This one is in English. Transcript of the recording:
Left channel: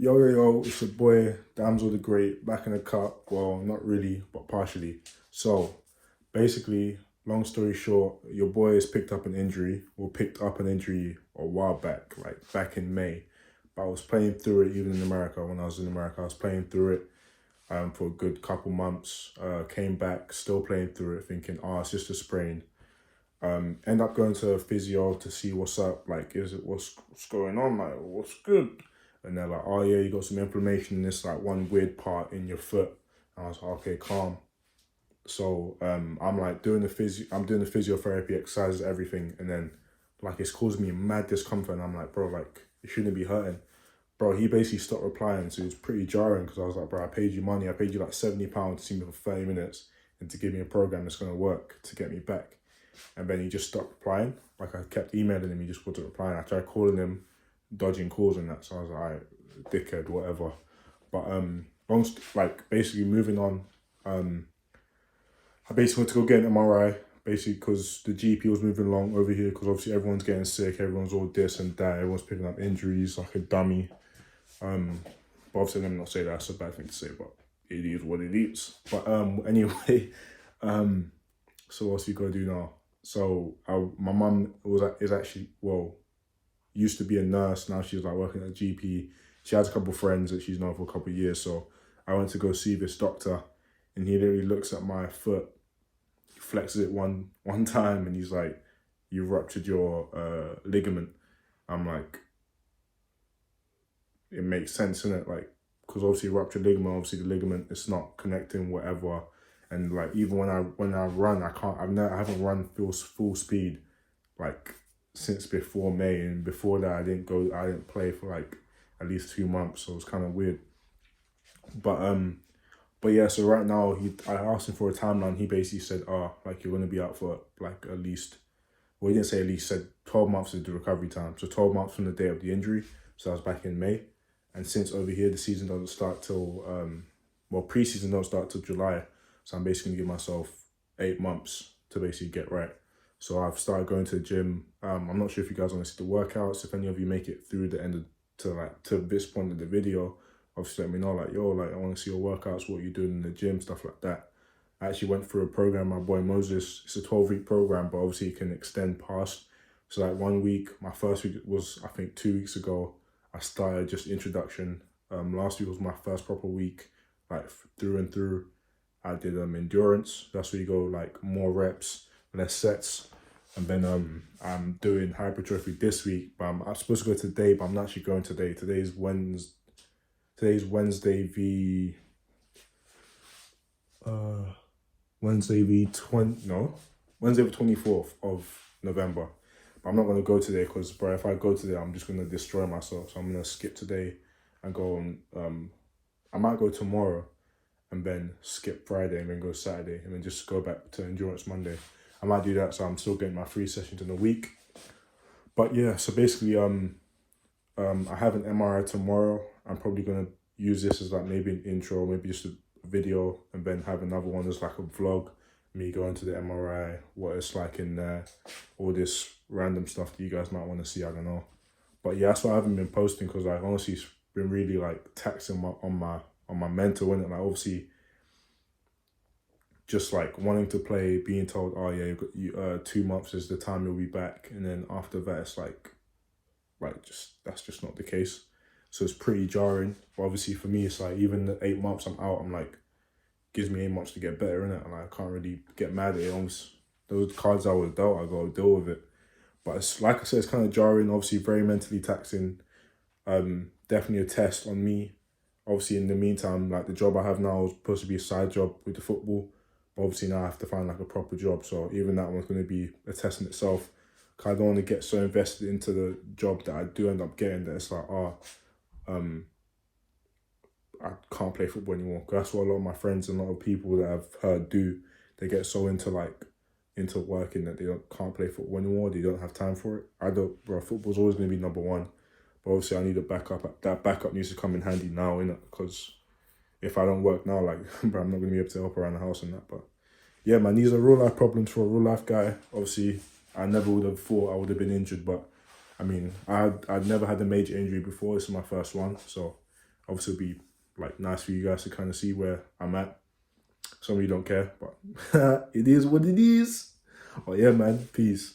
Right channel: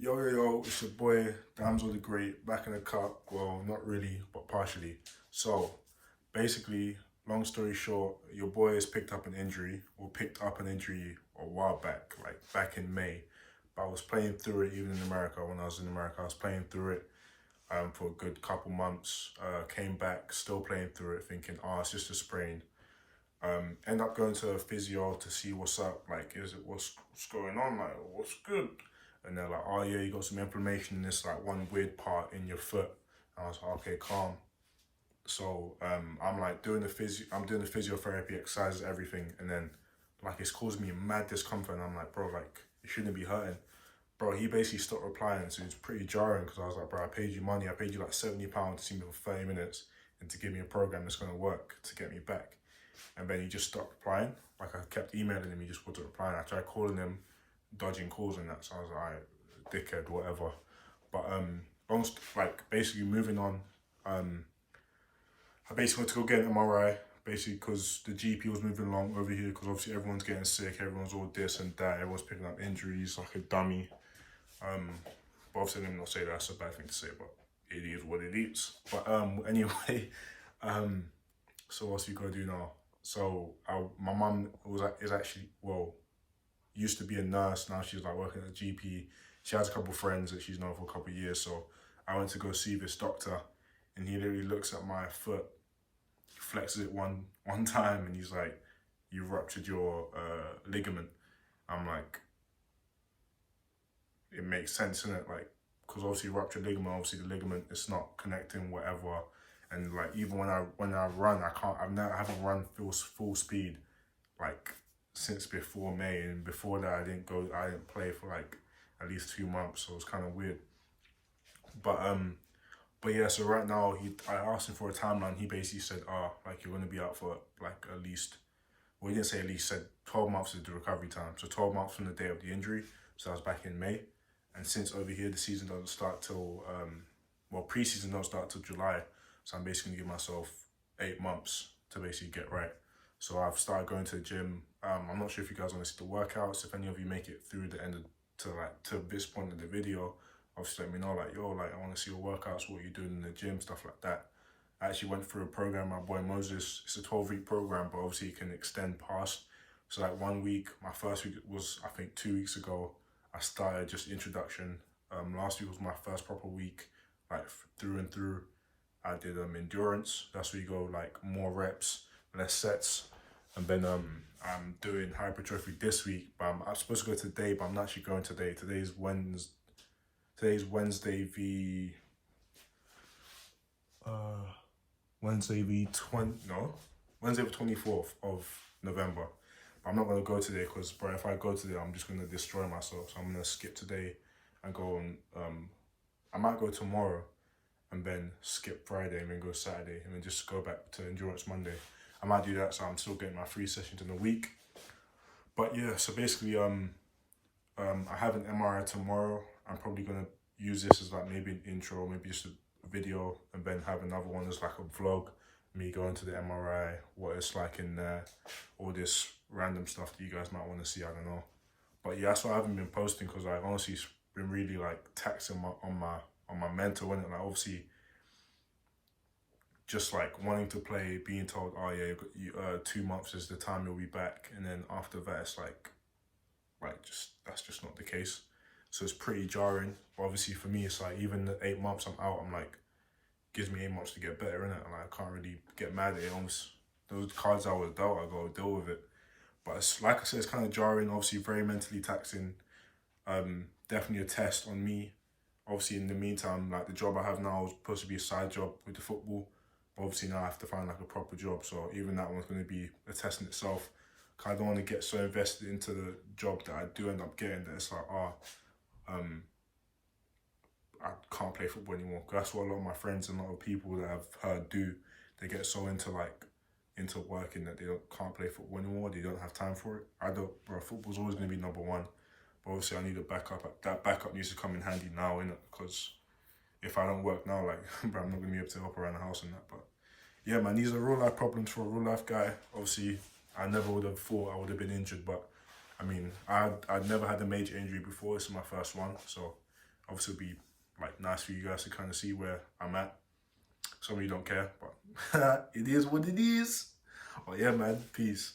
Yo, it's your boy, Damsel the Great, back in the cup. Well, not really, but partially. So, basically, long story short, your boy has picked up an injury, or picked up an injury a while back, like back in May. But I was playing through it even in America. When I was in America, I was playing through it for a good couple months. Came back, still playing through it, thinking, oh, it's just a sprain. End up going to a physio to see what's up, like, what's going on, like, what's good? And they're like, oh yeah, you got some inflammation in this like one weird part in your foot. And I was like, okay, calm. So I'm like I'm doing the physiotherapy exercises, everything, and then like it's causing me mad discomfort. And I'm like, bro, like it shouldn't be hurting. Bro, he basically stopped replying, so it's pretty jarring because I was like, bro, I paid you money. I paid you like £70 to see me for 30 minutes and to give me a program that's gonna work to get me back. And then he just stopped replying. Like I kept emailing him, he just wasn't replying. I tried calling him, dodging calls and that. So I was like, alright, dickhead, whatever. But basically moving on. I basically went to go get an MRI, basically because the GP was moving along over here. Because obviously everyone's getting sick, everyone's all this and that, everyone's picking up injuries like a dummy. But obviously let me not say that's a bad thing to say, but it is what it is. But anyway, so what's we gotta do now? So my mum is actually, well, used to be a nurse. Now she's like working at a GP. She has a couple of friends that she's known for a couple of years. So I went to go see this doctor, and he literally looks at my foot, he flexes it one time, and he's like, "You ruptured your ligament." I'm like, it makes sense, innit? Like, because obviously ruptured ligament, obviously the ligament is not connecting whatever. And like even when I run, I haven't run full speed like since before May, and before that I didn't play for like at least 2 months, so it was kind of weird. But yeah, so right now I asked him for a timeline. He basically said, oh, like you're gonna be out for like at least, well, he didn't say at least, said 12 months is the recovery time. So 12 months from the day of the injury. So I was back in May. And since over here the season doesn't start till well, preseason don't start till July. So I'm basically gonna give myself 8 months to basically get right. So I've started going to the gym. I'm not sure if you guys want to see the workouts. If any of you make it through the end of, to this point of the video, obviously let me know, like, yo, like I want to see your workouts, what you're doing in the gym, stuff like that. I actually went through a program, my boy Moses. It's a 12-week program, but obviously it can extend past. So like 1 week, my first week was, I think 2 weeks ago, I started just introduction. Last week was my first proper week, like through and through. I did endurance. That's where you go like more reps, less sets. And then I'm doing hypertrophy this week, but I'm supposed to go today, but I'm not actually going today. Today's Wednesday the Wednesday the 24th of November. But I'm not gonna go today because, bro, if I go today, I'm just gonna destroy myself. So I'm gonna skip today and go on. I might go tomorrow and then skip Friday and then go Saturday and then just go back to endurance Monday. I might do that, so I'm still getting my 3 sessions in a week. But yeah, so basically, I have an MRI tomorrow. I'm probably gonna use this as like maybe an intro, maybe just a video, and then have another one as like a vlog, me going to the MRI, what it's like in there, all this random stuff that you guys might want to see, I don't know. But yeah, that's why I haven't been posting, because like honestly it's been really like taxing on my mental, innit? Like obviously just like wanting to play, being told, oh yeah, you 2 months is the time you'll be back, and then after that it's like just that's just not the case. So it's pretty jarring. But obviously for me, it's like even the 8 months I'm out, I'm like, gives me 8 months to get better, innit? And I can't really get mad at it. Almost those cards I was dealt, I gotta deal with it. But it's like I said, it's kind of jarring, obviously very mentally taxing. Definitely a test on me. Obviously in the meantime, like the job I have now is supposed to be a side job with the football. But obviously now I have to find like a proper job. So even that one's gonna be a test in itself. Cause I don't want to get so invested into the job that I do end up getting that it's like, I can't play football anymore. That's what a lot of my friends and a lot of people that I've heard do. They get so into working that they can't play football anymore. They don't have time for it. I don't, bro. Football's always gonna be number one. But obviously I need a backup. That backup needs to come in handy now, innit? Because if I don't work now, like, bro, I'm not gonna be able to help around the house and that. But yeah, man, these are real life problems for a real life guy. Obviously, I never would have thought I would have been injured, but I mean, I'd never had a major injury before. This is my first one, so Obviously, it'd be like nice for you guys to kind of see where I'm at. Some of you don't care, but it is what it is. Oh yeah, man. Peace.